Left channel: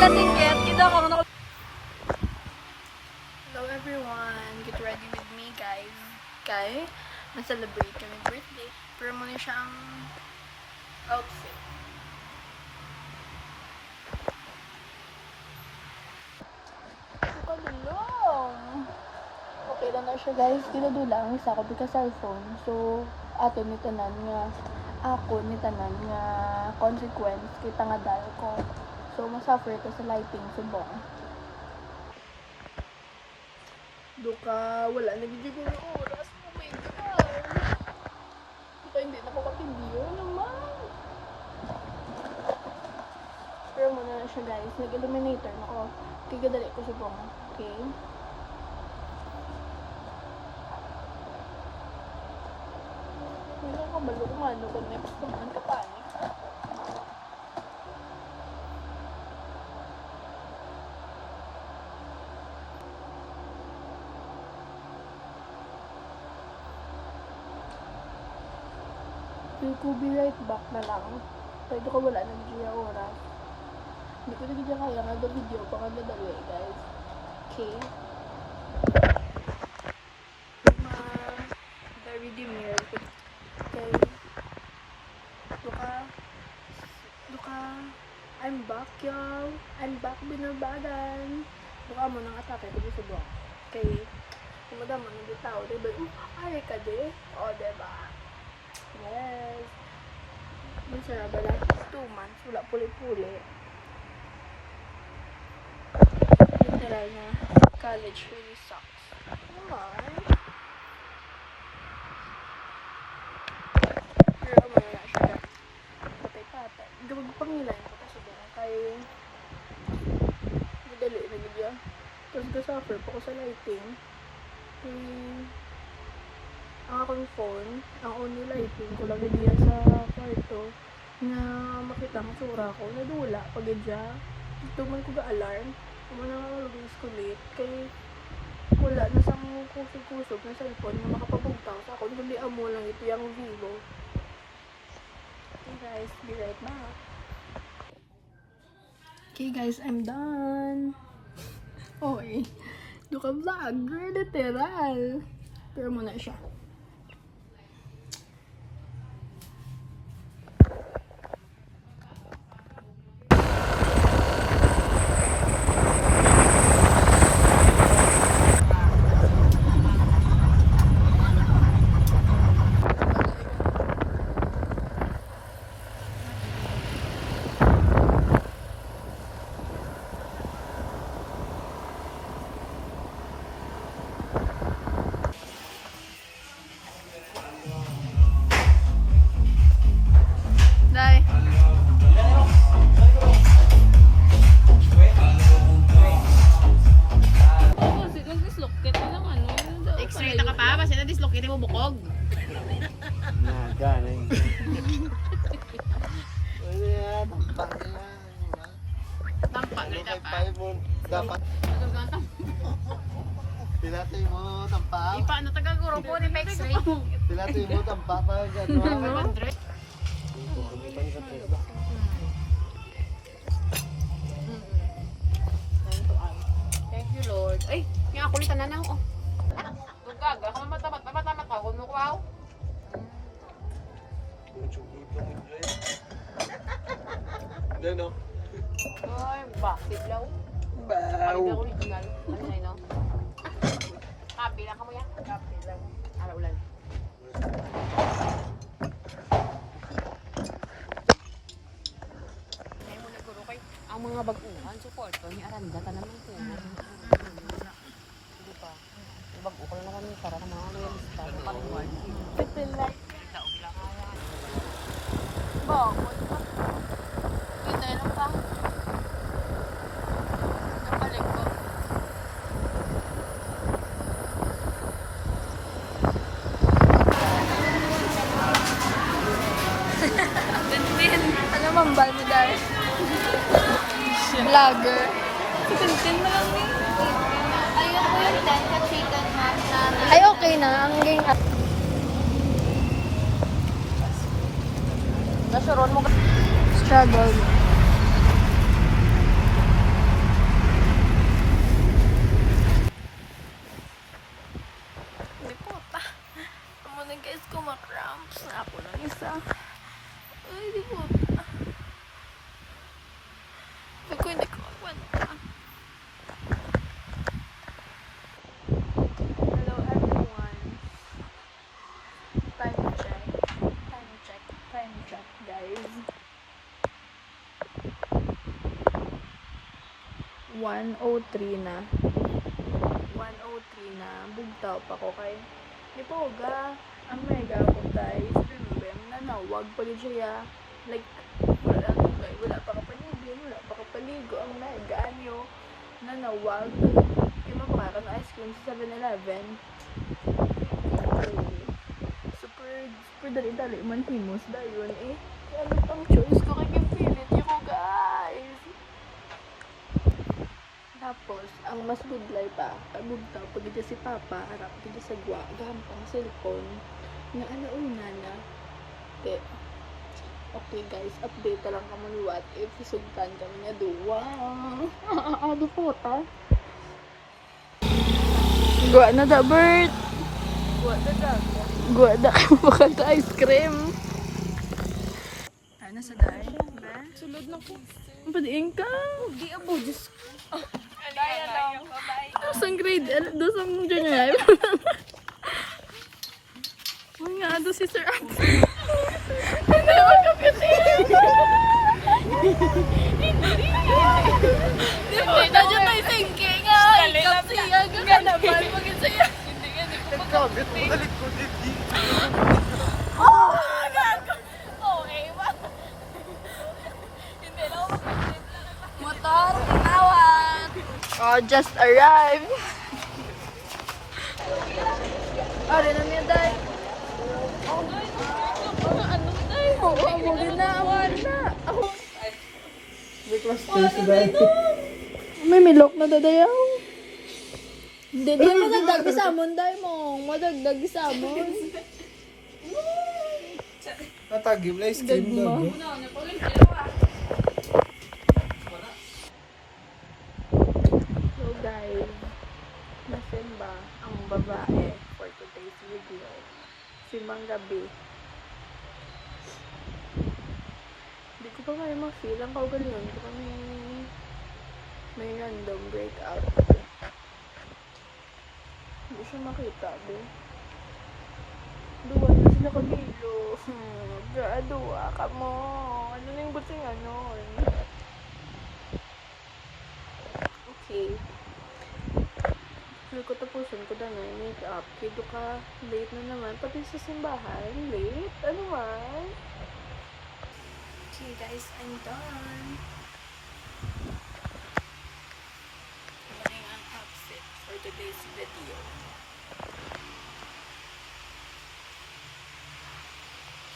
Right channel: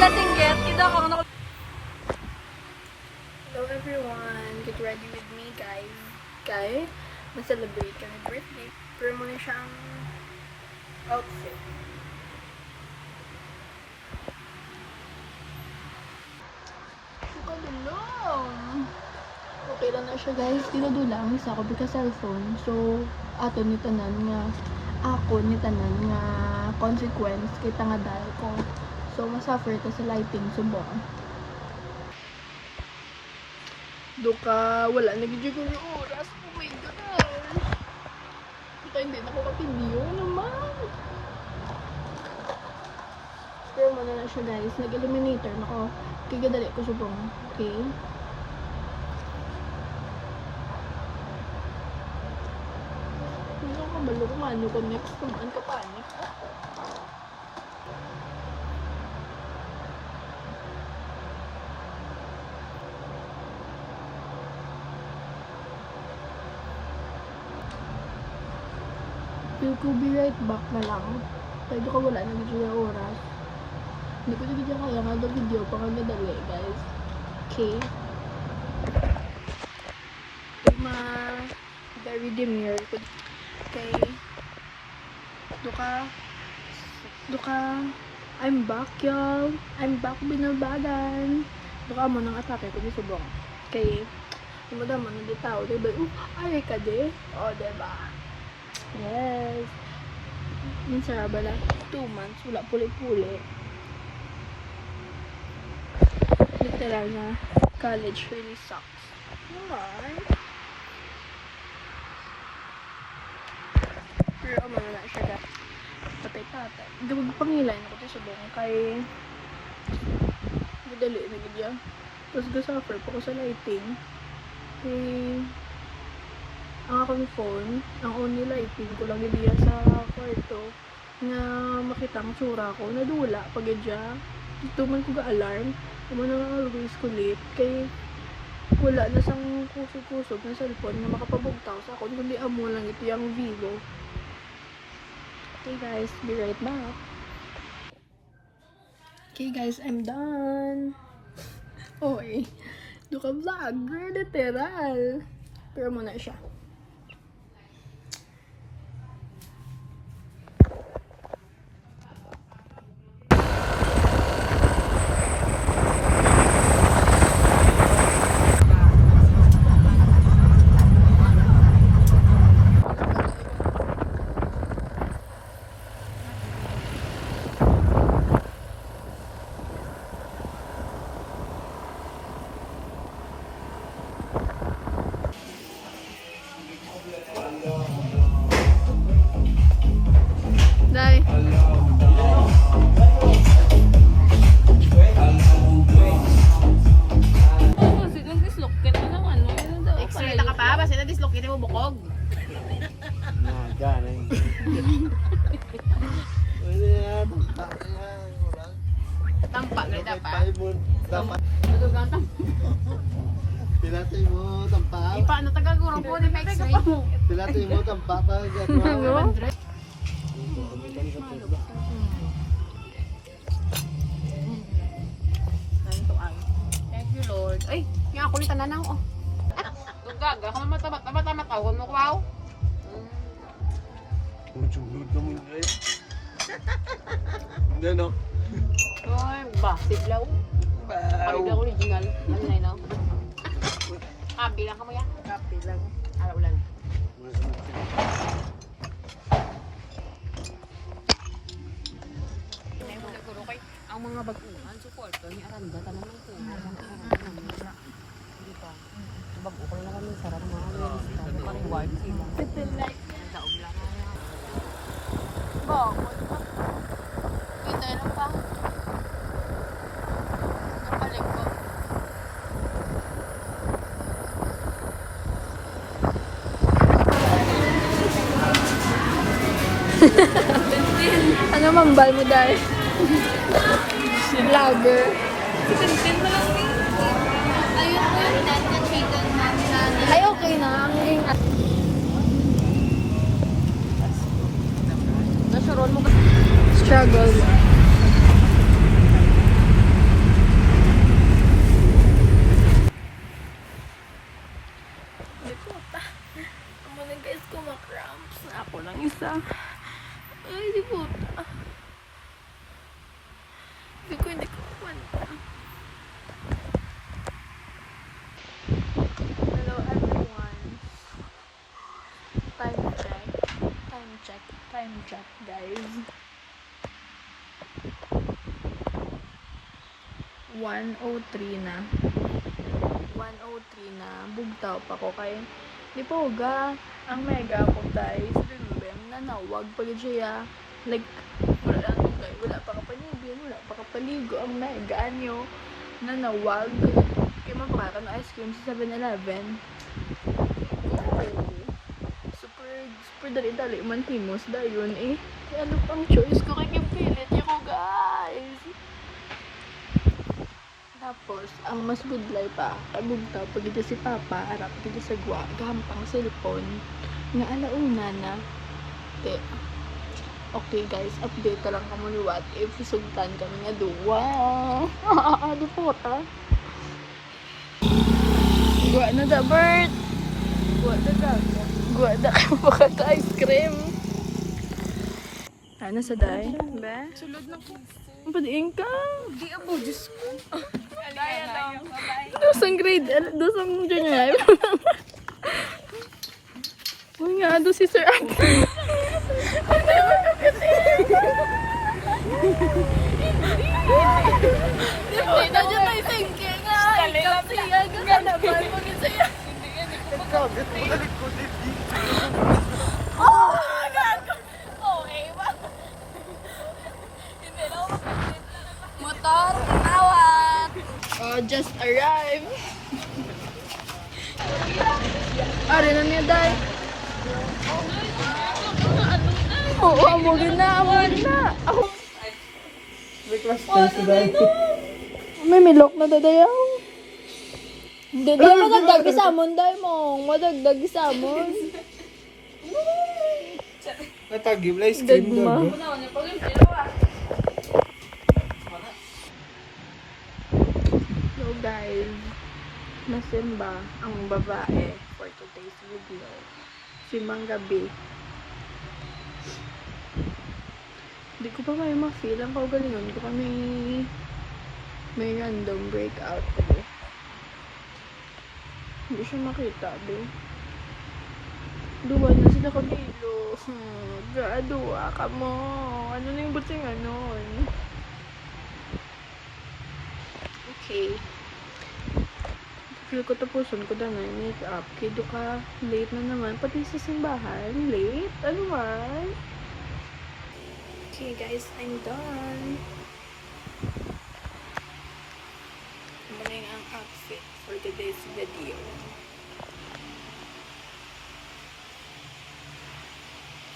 latinggit. Kita ko na. Hello everyone. Get ready with me, guys. Kay, na-celebrate kami birthday. Pero muna siyang outfit. Nakadulong. Okay lang na siya, guys. Dinadulang sa ako because cellphone. So, ato ni tanan nga ako ni tanan nga consequence kay tangadal ko. So, masuffer ta sa lighting subong. Duka, wala nagiging ko ng oras. Oh my God! Ito hindi na ko kapindiyo naman. Pero muna na siya, guys. Nag-illuminator na ko. Kigadali ko subong. Okay? Wala ka balong mano ko next naman ka panik. You could be right back na lang. Pwede ko wala na dito yung oras. Hindi ko na kaya nga daw video pa nga nadali, guys. Okay? Very demure. Okay? Duka, I'm back, y'all. I'm back, binabadan. Duka mo nang atake ko di subong. Okay? Umada mo nang di tao, diba? Ay ka di? O, diba? Yes. Minsan ba na 2 months, wala puli-puli. Literal na college really sucks. Naman. Pero umano na siya. Patay-patay. Hindi pangilay na ko tayo subong kay madali na gidya. Tapos gasuffer pa ko sa lighting. Kay ang akong phone, ang only lighting ko lang diya sa kwarto nga makita ang tsura ko, nadula pag idya. Dito man ko ga-alarm, naman na always kulit, kay wala na sang kusog-kusog na cellphone nga makapabugtaw sa akon, kundi amo lang ito yung Vivo. Okay guys, be right back. Okay guys, I'm done. Oy, duka vlogger, literal. Pero muna siya. Dai. X-ray na ka pa? Basta na dislocate mo bukog. Tampak na dapat. Nadugang tampak. Tilatay mo, tampak. Di pa, ano taga-guro po ni X-ray? Tilatay mo, tampak pa. Ano? Thank you, Lord. Ay, nga ako ni tananaw. Oh. Dugaga, matamat ako. Wow. Hindi, no? Ay, plastic law. Paligaw original. Ano na, bilang ka mo yan? Bilang. Araw lang. Ang mga baguhan, support ko, ni Aranda ka naman ko. Baguhan na kami, sarap mo. Pang-ward. Ito like. Daog lang nga. Bakit? Ganda lang ba? Napalik ko. Ano mambal mo dahil? Vlogger. Ay, okay na. Ang game. Nasuron mo. Struggle. Hello everyone. Time check. Time check, guys. 1:03 na. 1:03 na. Bugtaw pa ko kay di po ga ang mega ko guys. Bim nanawag pag siya like wala lang tugay, wala pa kapanigin, wala pa kapaligo ang mega nyo nanawag. Kaya mapaka ng ice cream sa 7-Eleven. Super dali-dali man himos dayon eh. Kaya ano pang choice ko kay kipilit niyo ko guys. Tapos, ang mas budlay pa, kabugtaw, pag ito si Papa, arap ito sa gwa, gahampang cellphone, nga alauna na. Okay guys, update ka lang kamo ni what if sugtan kami nga duwa. Di po ta. Gwa na da bird. Gwa na ka ice cream. Ano sa day? Ba? Sulod na po. Padiin ka. Di ako, Diyos ko. Dosang grade, dosang junior. Uy nga, do si Sir Ate. Hindi mo kapitin. Di mo, nandiyan tayo singke nga. Ikap siya, gaganapan mo gin siya. Nagkabit mo na likod hindi. Oh, gago. Okay, ba? Hindi lang motor, awat. Oh, just arrived. Ari na niya, day. Oo, amogin na. Ako. May milok na dadayaw. Hindi, madagdag isamon, day mong. Madagdag isamon. Natagim na ice cream Dagma. doon. So guys, nasimba ang babae for today's video. Si Manggabi. Hindi ko pa kayo ma-feel ang kaugalingon ko kami may random breakout ko. Hindi siya makita, be. Duwa na sila kabilo. Gaduwa ka mo. Ano na yung buting anon? Okay. Feel ko tapuson ko na yung make-up. Kido ka, late na naman. Pati sa simbahan, late? Ano man? Okay guys, I'm done. Maling ang outfit for today's video.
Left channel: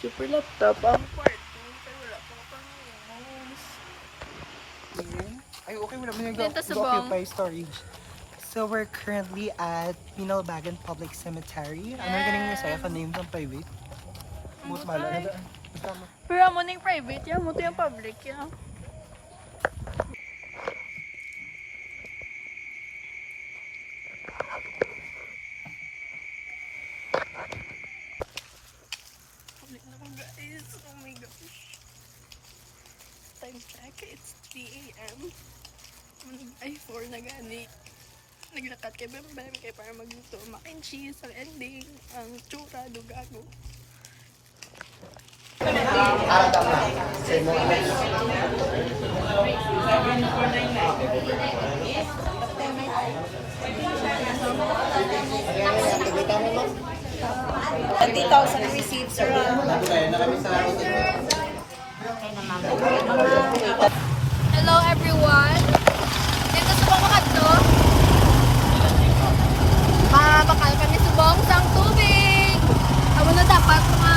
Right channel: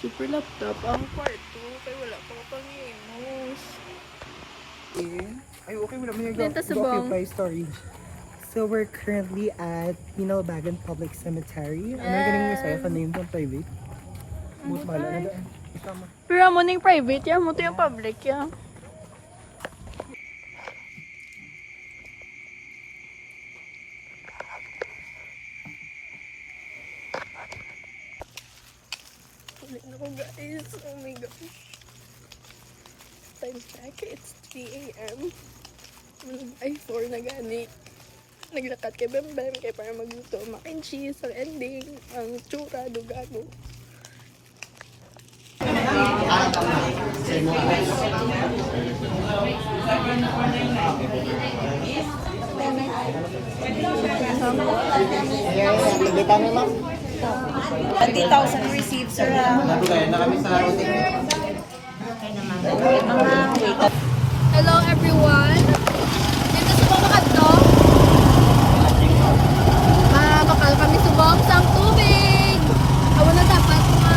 Super laptop ang kwarto. Kaya wala pa pang-imus. Ay, okay mo naman yung Dito sa bong. storage. So we're currently at Pinalbagan Public Cemetery. Am I Yes. getting myself a name from private? Mut Okay. mala. Pero mo na yung private yan, mo to yung public yan. Ulit na ko guys, oh my gosh. Time check, it's 3 AM. Ay, 4 na gani. Naglakad kay Bem Bem kay para magluto mac and cheese ang ending, ang tsura, dugago. Hello everyone! Dito sa Pamakanto, makakal kami sa bombs ang tubig! Ako na dapat mga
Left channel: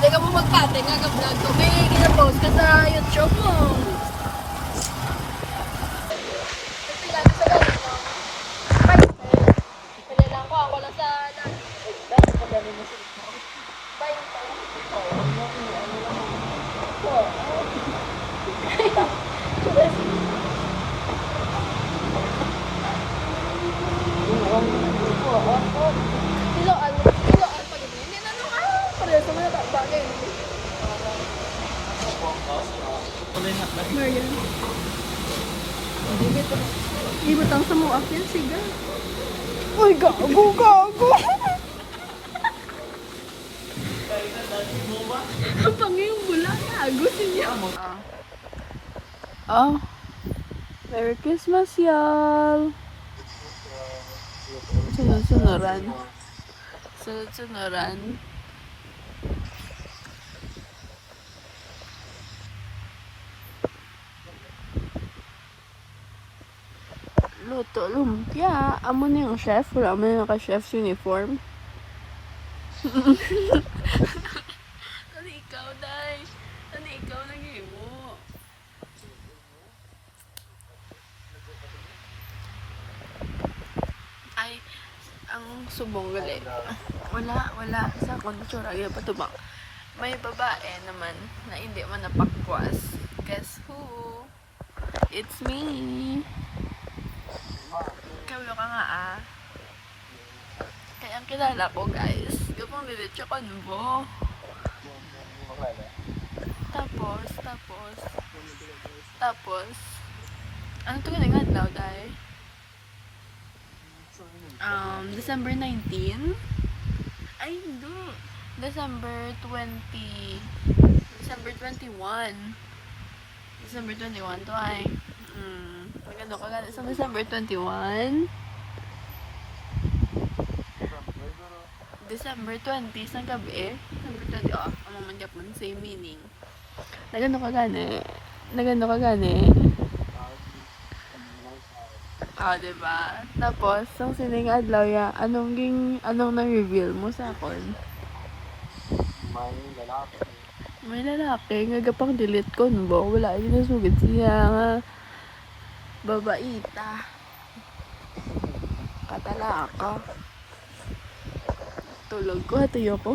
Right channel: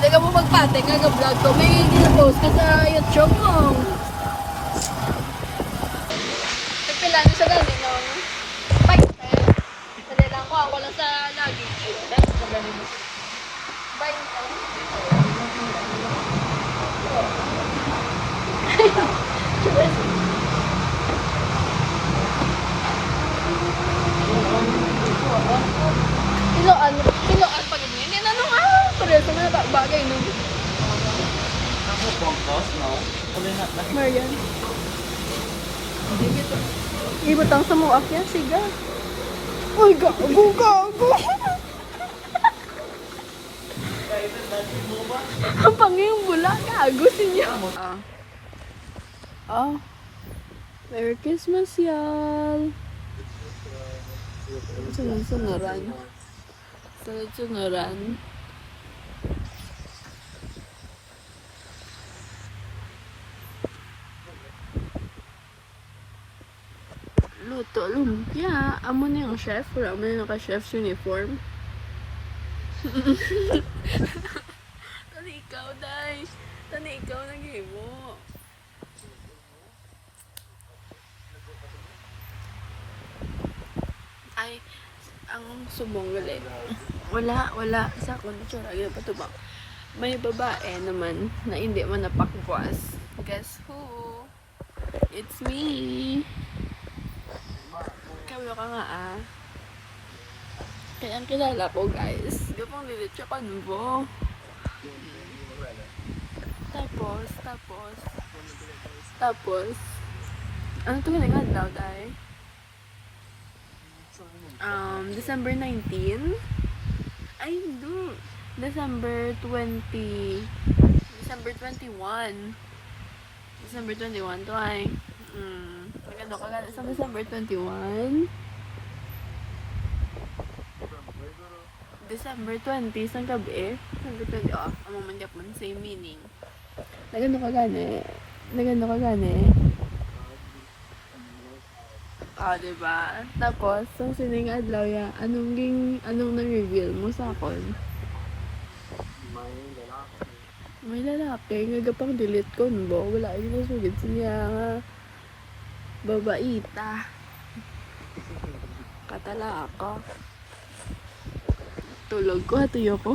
naga mo magpate, nga-vlog ko, may gina-post ka sa YouTube mo. Pipila na sa ganin ng 20. Pili lang ko, wala sa lagi. 20. Marian. Ibutang sa muak yan, siga. Uy, gago, gago. Ang pangiyong bula, gago siya. Merry Christmas, y'all. Sunod-sunuran. Sunod-sunuran. Luto, lumpia. Amo na yung chef. Wala mo na naka-chef's uniform. Tani ikaw, Day. Tani ikaw, nagay mo. Ay, ang subong gali. Wala sa kontsura. Yung patubang. May babae naman na hindi man napakbuas. Guess who? It's me. Kayo ka nga Kaya ang kilala ko, guys. Gapang lilit siya kanbo. Tapos, ano ito nga daw, dahil? December 19? Ay, hindi. December 20. December 21. December 21 to ay. Maganda pa gano'n. Sa December 21. December 20, isang gabi. December 20, ang mga Japon, same meaning. Nagano ka gani. Diba? Tapos, yung sining adlaw ya, anong na-reveal mo sa akon? May lalaki. Nga gapang delete ko, no? Wala yun na sugod siya nga. Babaita. Katalaka. Tulog ko, hatiyo ko.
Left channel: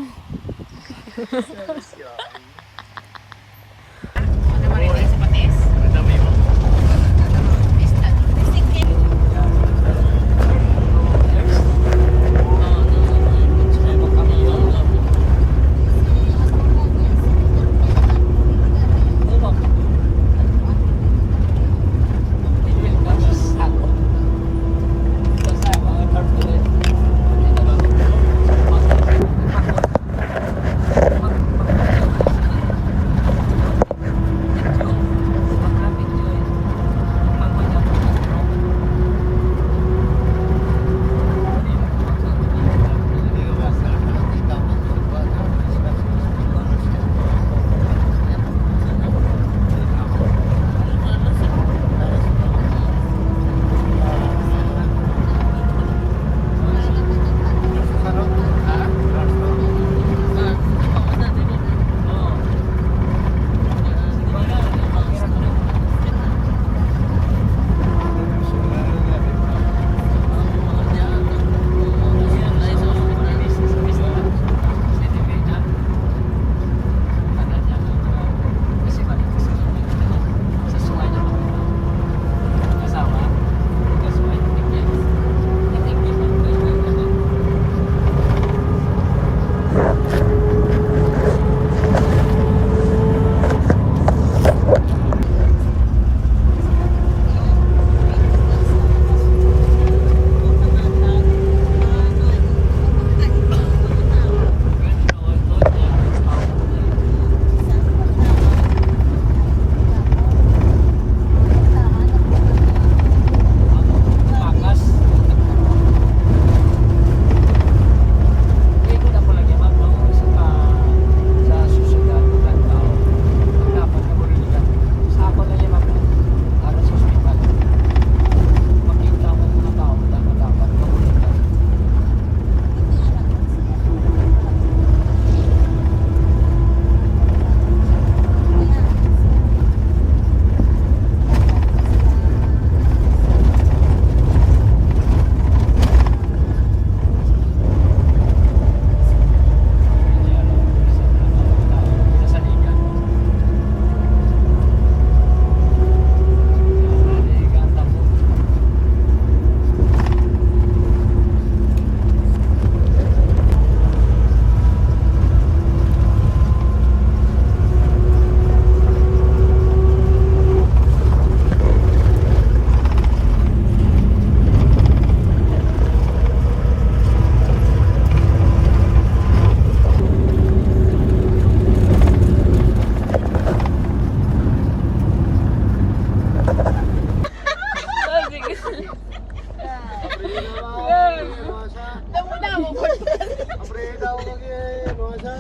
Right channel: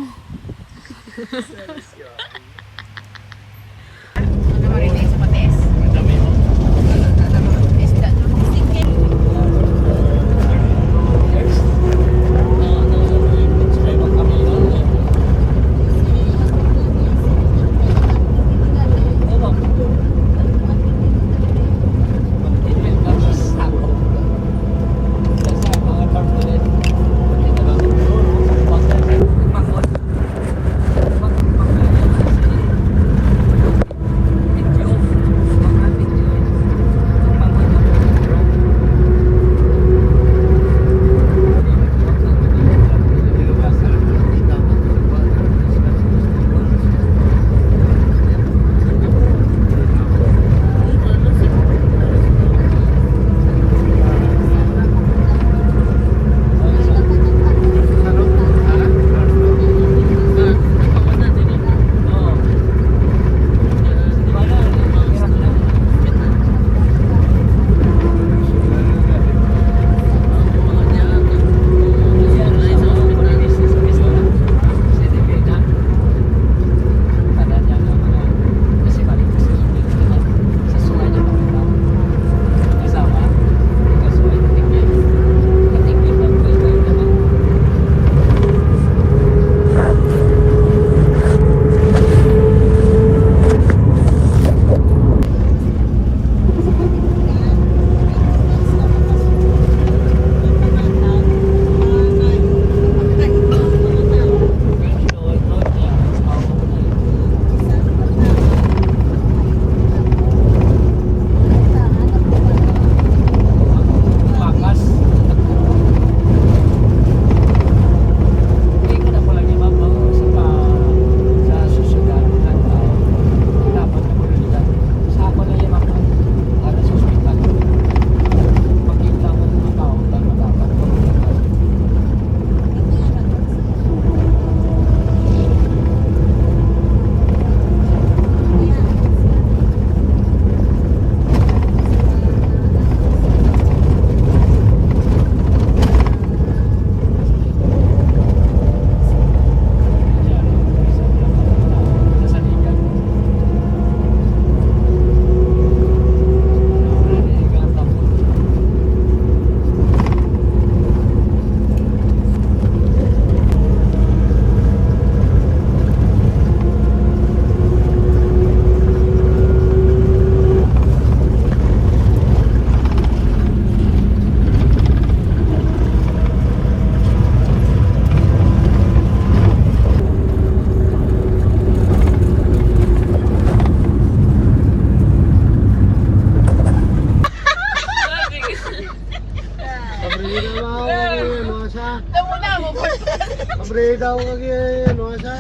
Breda ako kagaya, ano sa?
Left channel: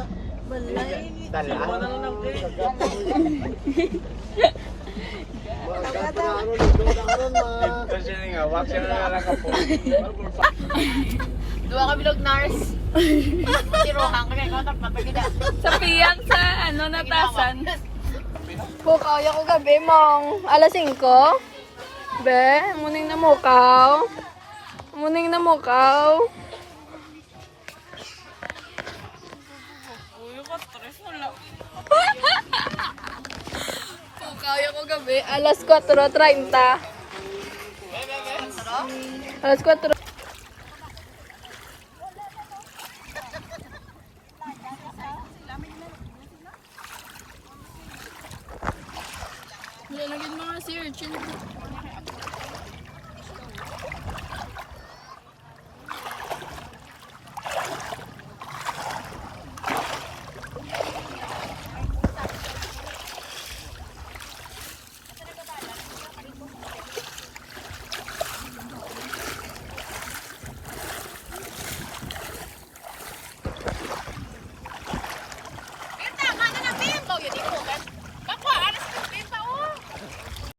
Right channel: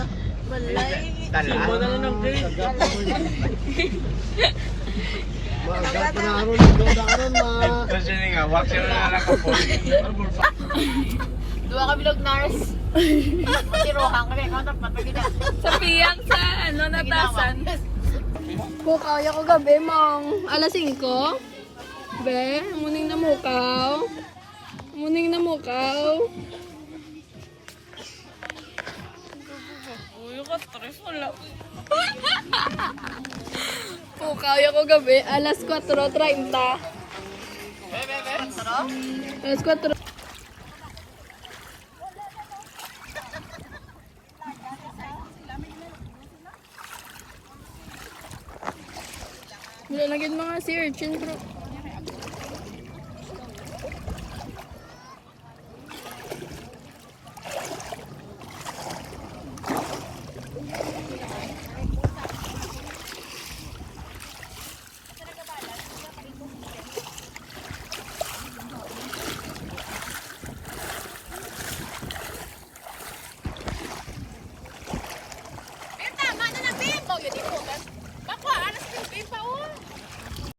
Dua kami Nars. Matirohan kami. Kontak patagida. Sa piyang sa ano natasan. Mukaw ya ko gabi mong alas 5. Be, muning na mukaw. Muning na mukaw. Uy, ka-stress wala. Mukaw ya ko gabi alas 4:30. Alas 4. Wala na gid mga si urchin bro.